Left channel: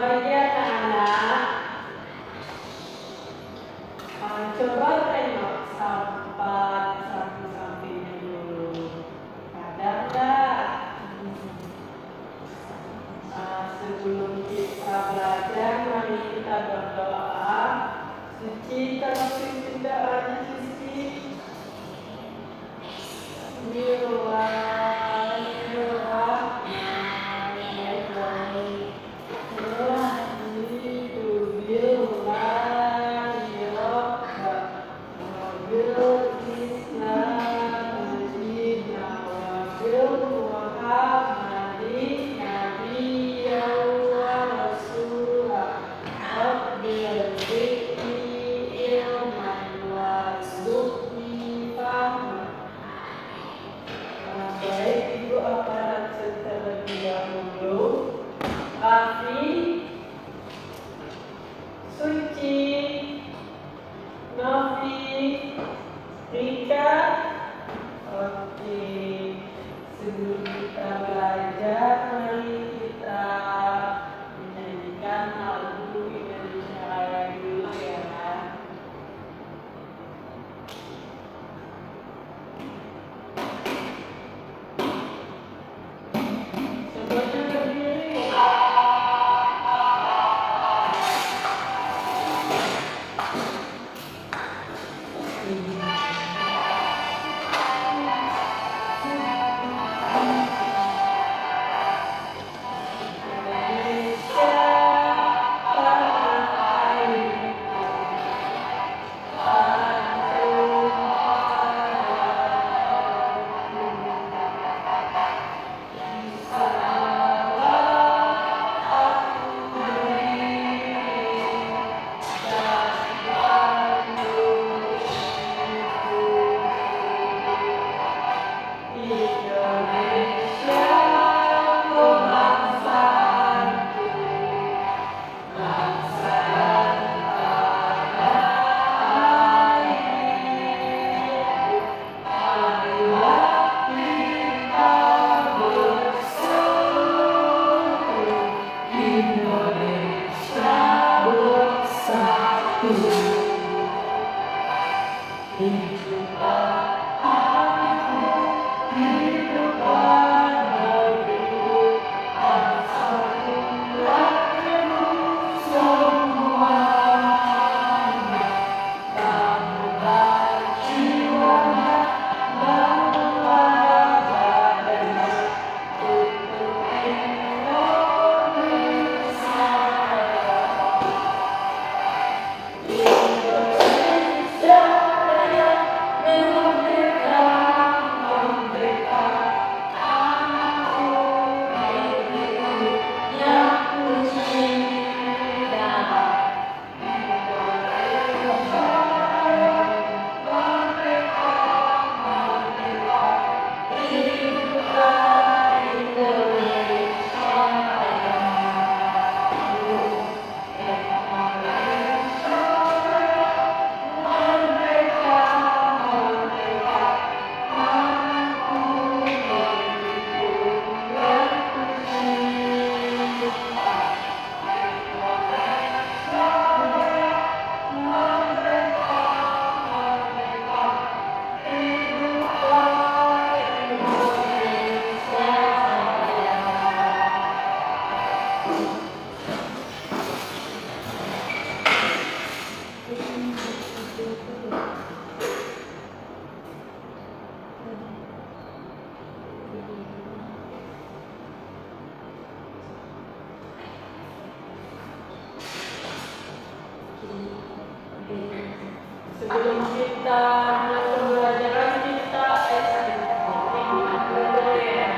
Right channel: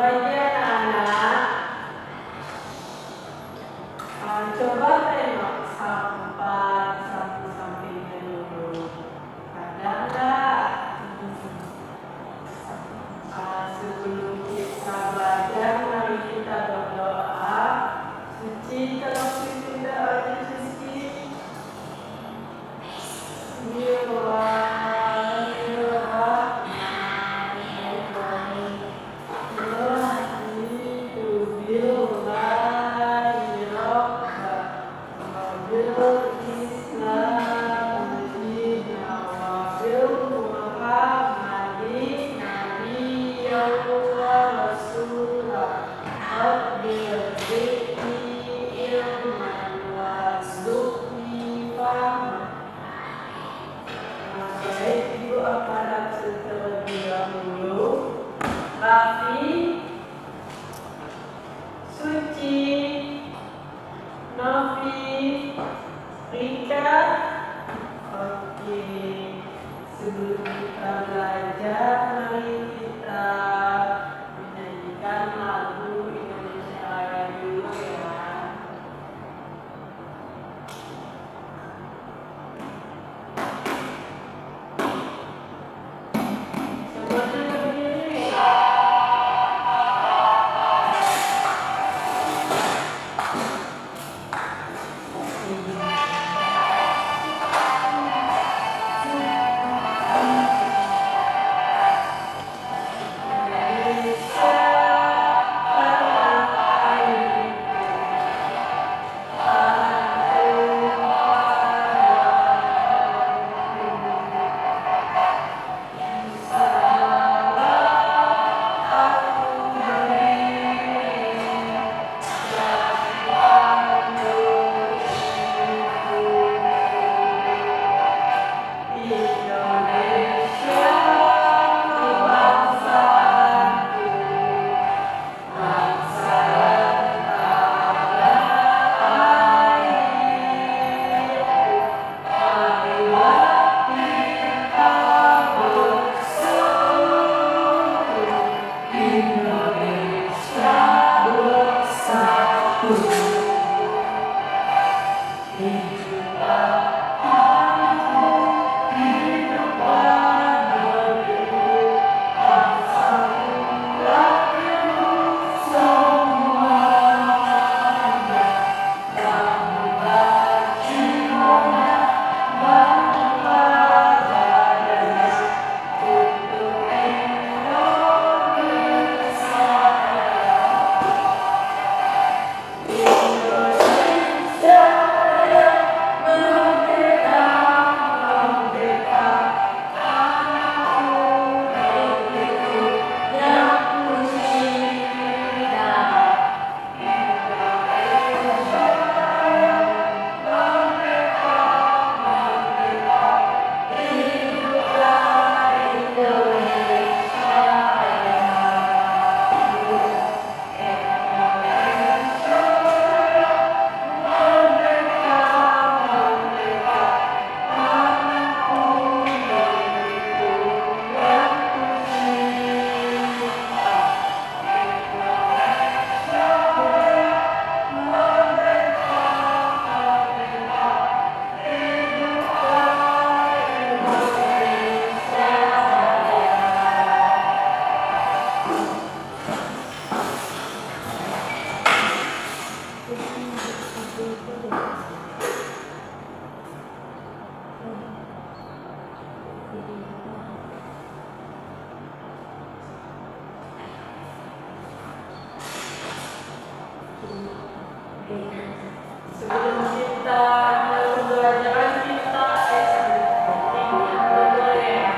Bagi anak-anak, coba tengok satu sampingnya dulu. Ada nggak? Sebelum kita belajar, mari kita berdoa. Suci, tolong pimpin doanya, Suci. Raffi, Suci, Novi, Rika. Oke, sebelum kita belajar, mari kita menyanyikan lagu Indonesia Raya dulu ya. Semuanya berdiri ya. Sebelum kita pembelajaran kita dulu ya.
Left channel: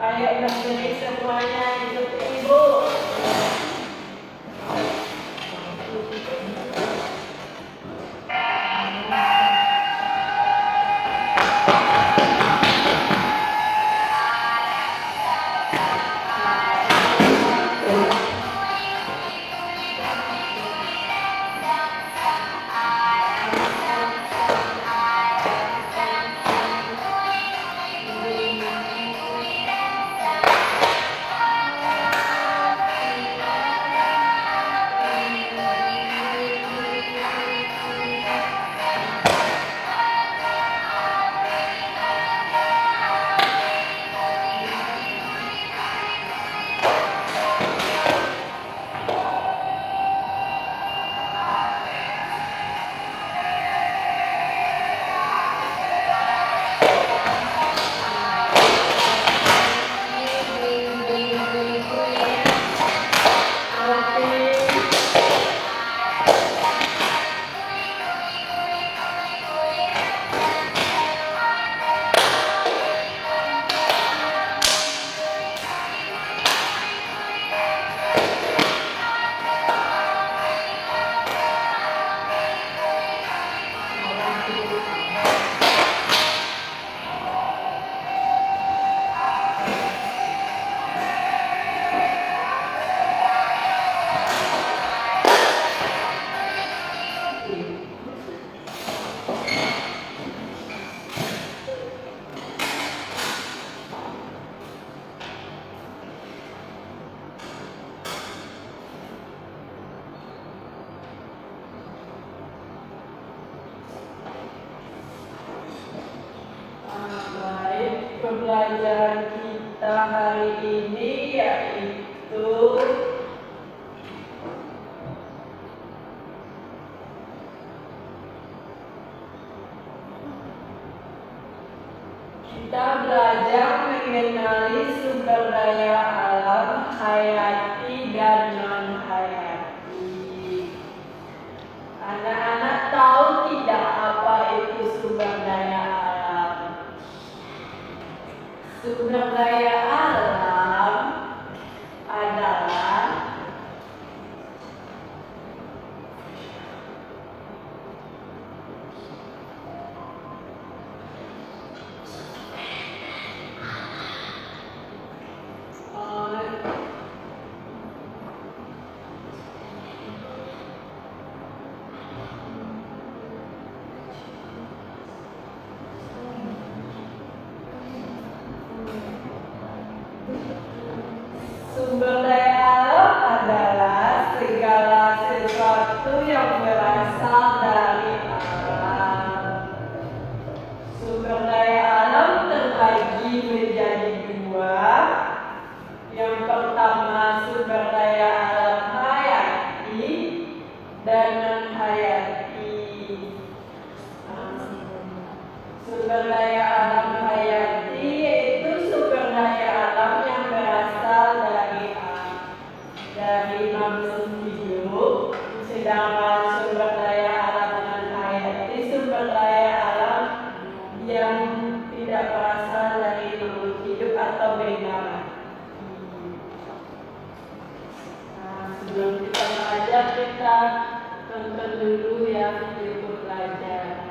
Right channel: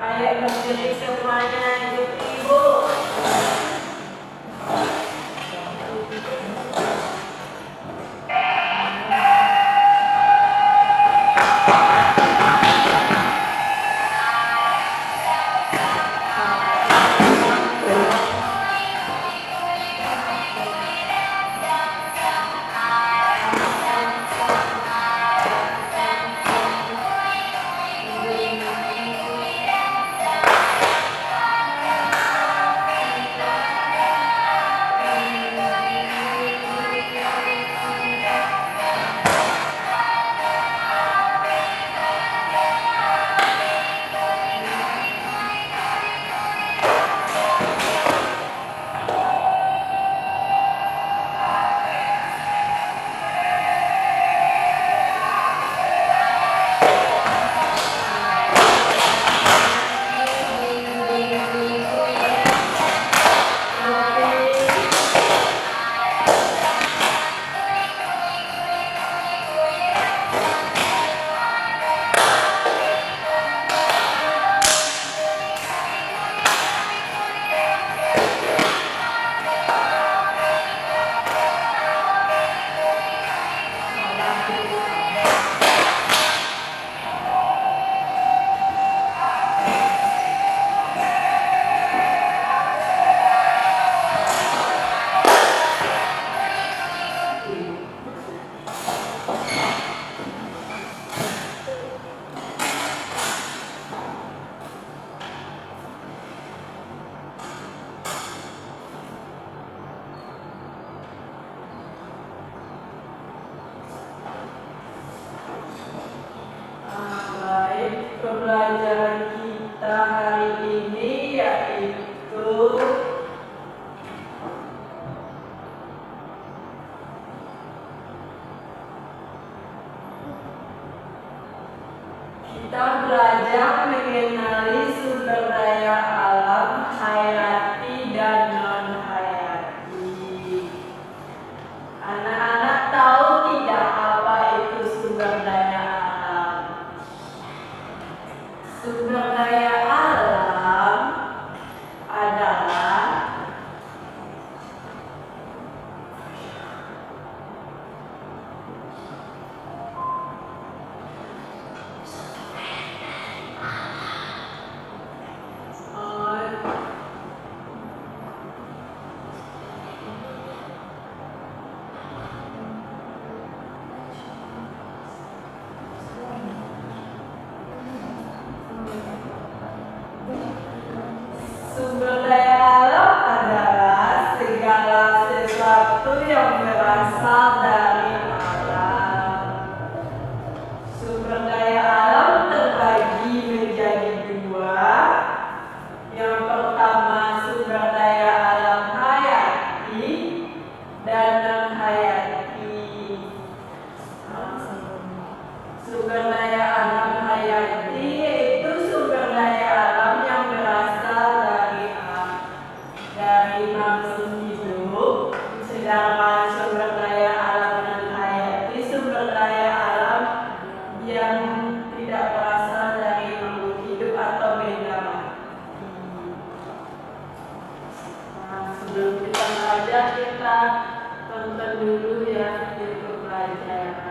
Ayo berdiri semuanya, ibu-ibu. pembelajaran kita hari ini yaitu kita belajar mengenali sumber daya alam hayati dan non-hayati. Anak-anak tahu tidak apa itu sumber daya alam? Sumber daya alam adalah sumber daya alam adalah segala sesuatu yang berasal dari alam. Sumber daya alam terbagi menjadi dua. Yang pertama sumber daya alam hayati dan non-hayati. Sumber daya alam hayati yaitu sumber daya alam yang berasal dari makhluk hidup, sedangkan sumber daya alam non-hayati sumber daya alam yang tidak berasal dari makhluk hidup atau benda mati. Sebelum kita belajar, kita tonton dulu ya video pelajaran.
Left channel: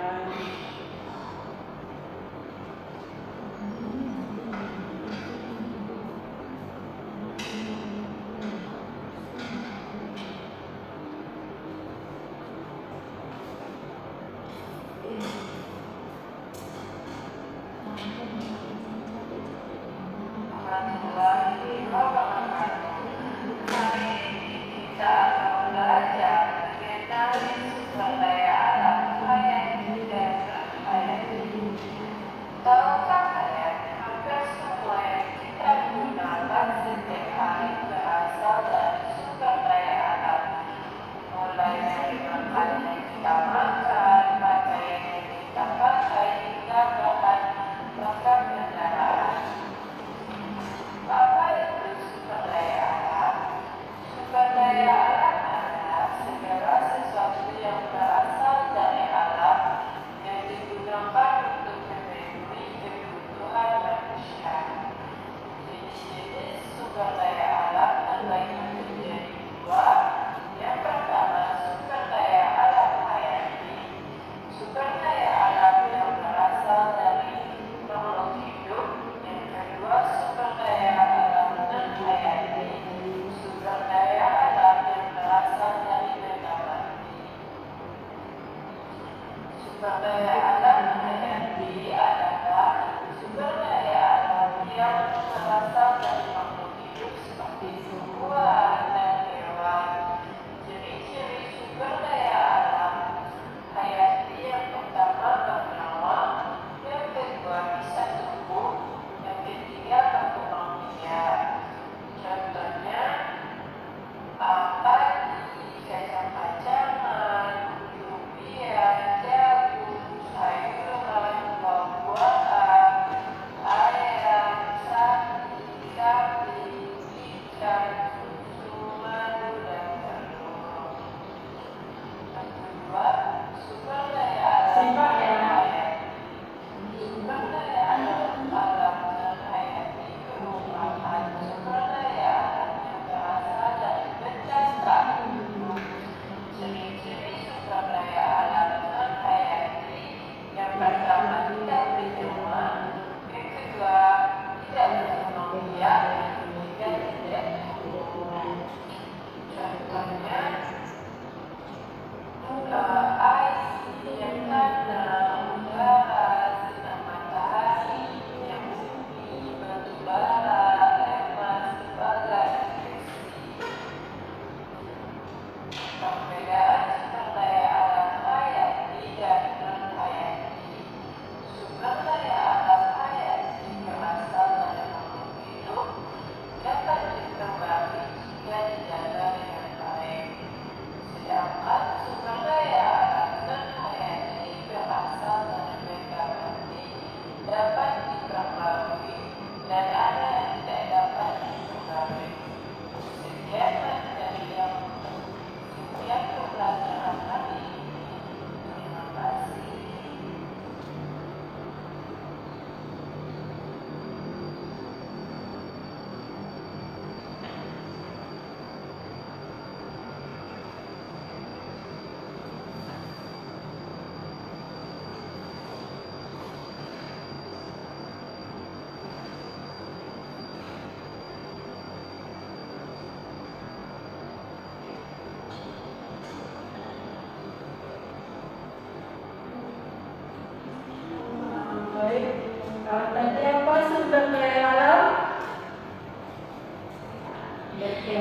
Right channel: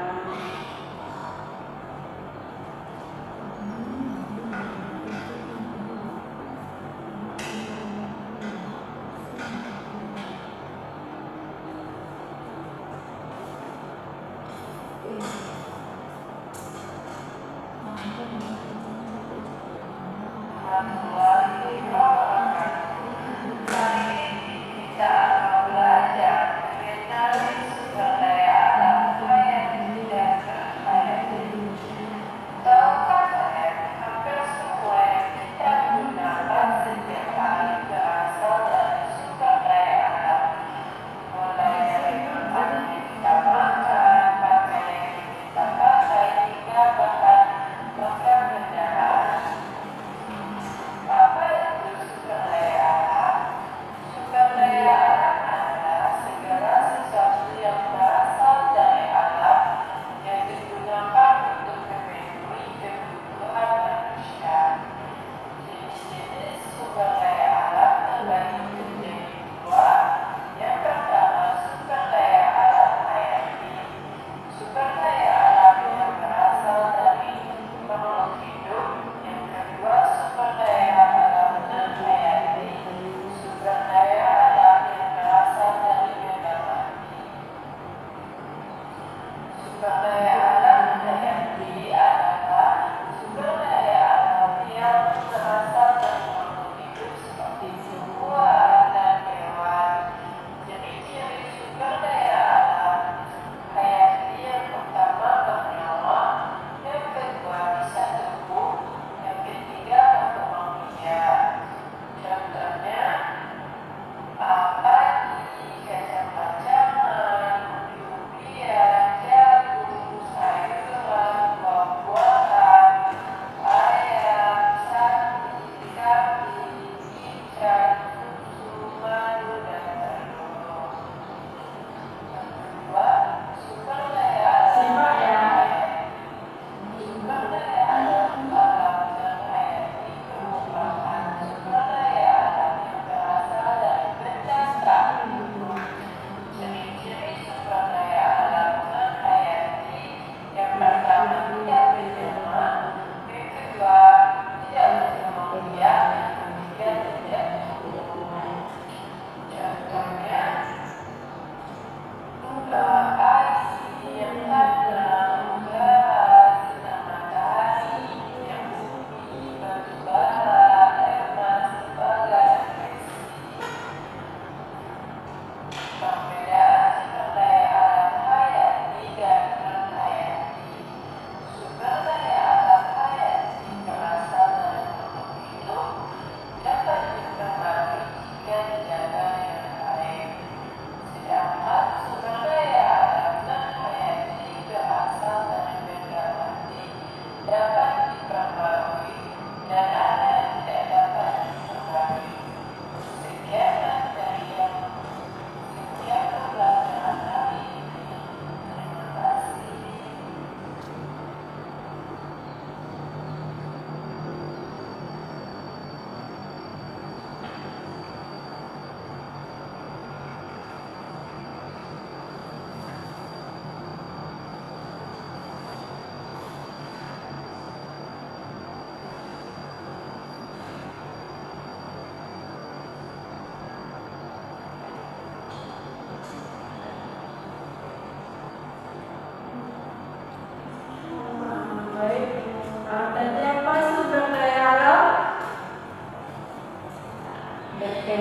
Ya,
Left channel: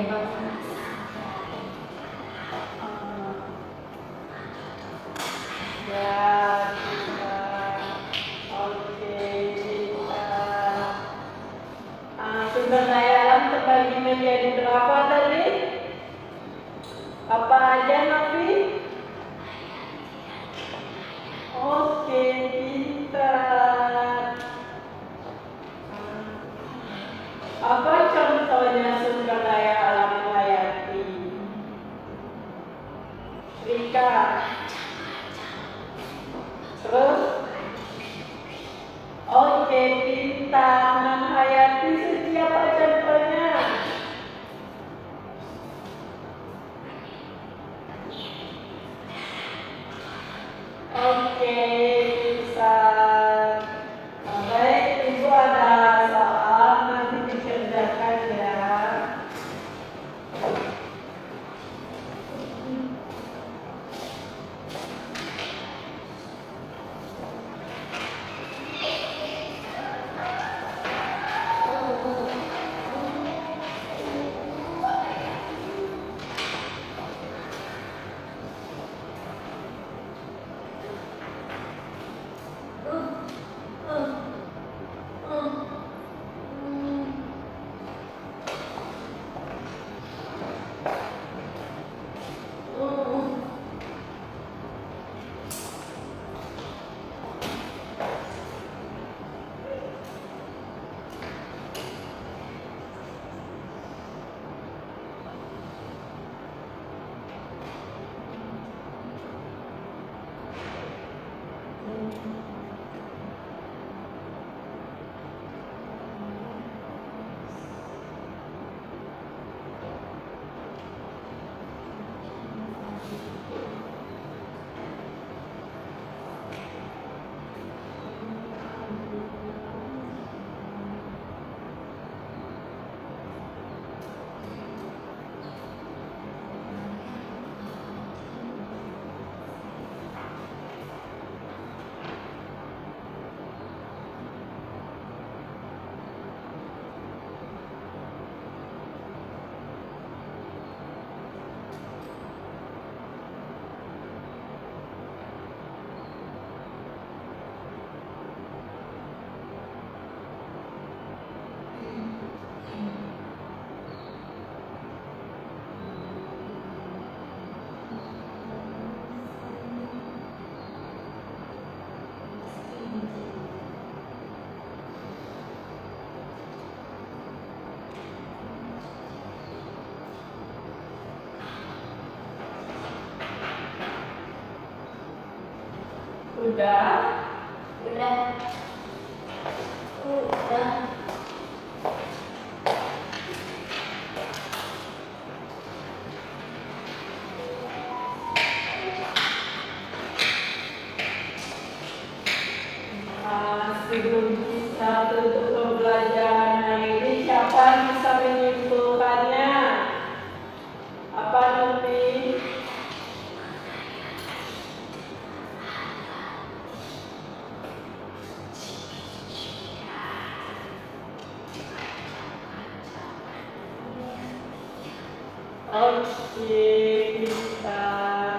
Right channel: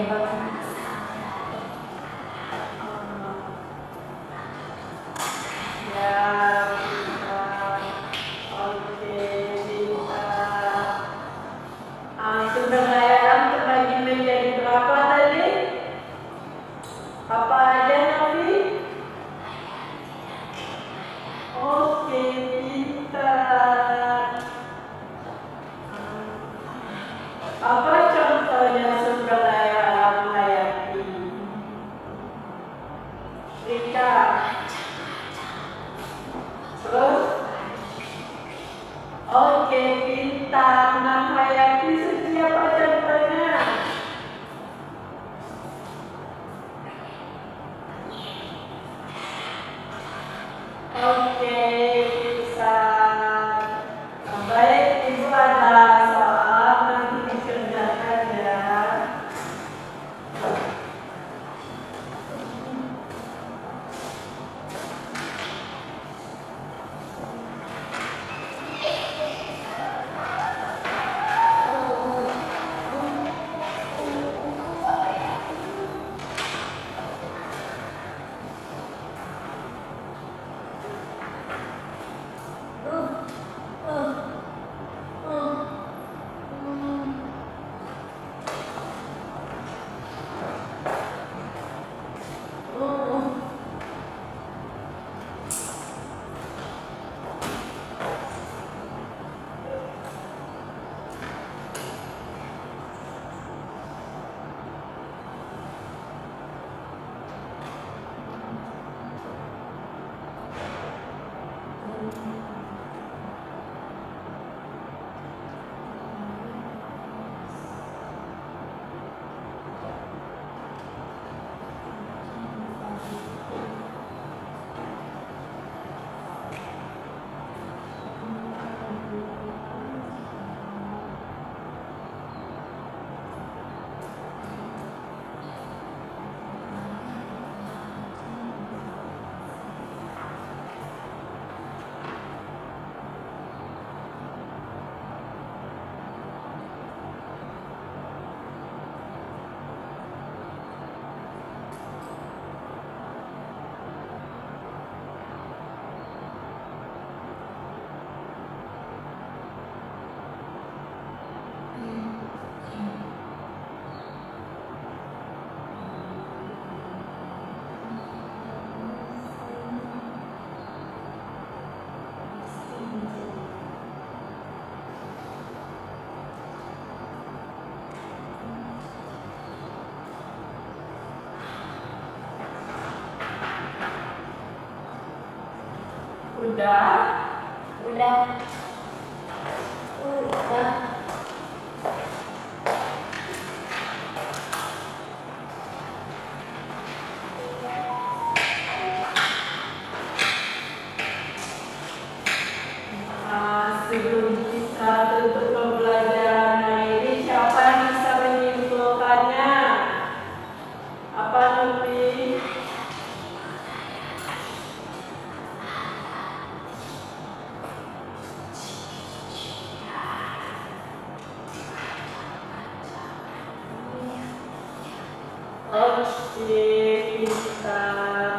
pintar. Oke, pintar. Sumber daya alam terbagi menjadi berapa tadi? Apa aja, Nafi? Oke, pintar. Apa contohnya sumber daya alam hayati? Rika. Terus? Oke, pintar. Nah, hayati siapa contohnya? Oke, bisa. Baik, Ibu ada soal nanti dikerjakan ya. Udah? Udah. Sebelum kita tutup pembelajaran ini, siapa yang bisa menyimpulkannya? Apa Nufi? Oke, kita.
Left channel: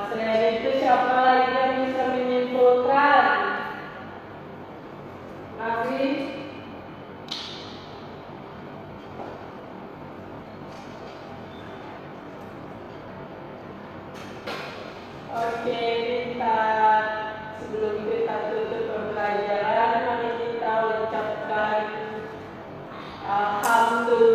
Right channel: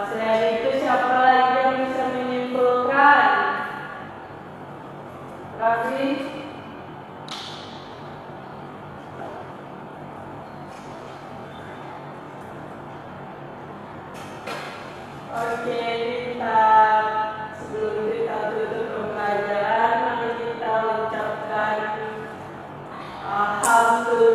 Selain itu siapa lagi yang bisa menyimpulkan? Raffi? Oke, pintar. Sebelum kita tutup pembelajaran, mari kita ucapkan alhamdulillah.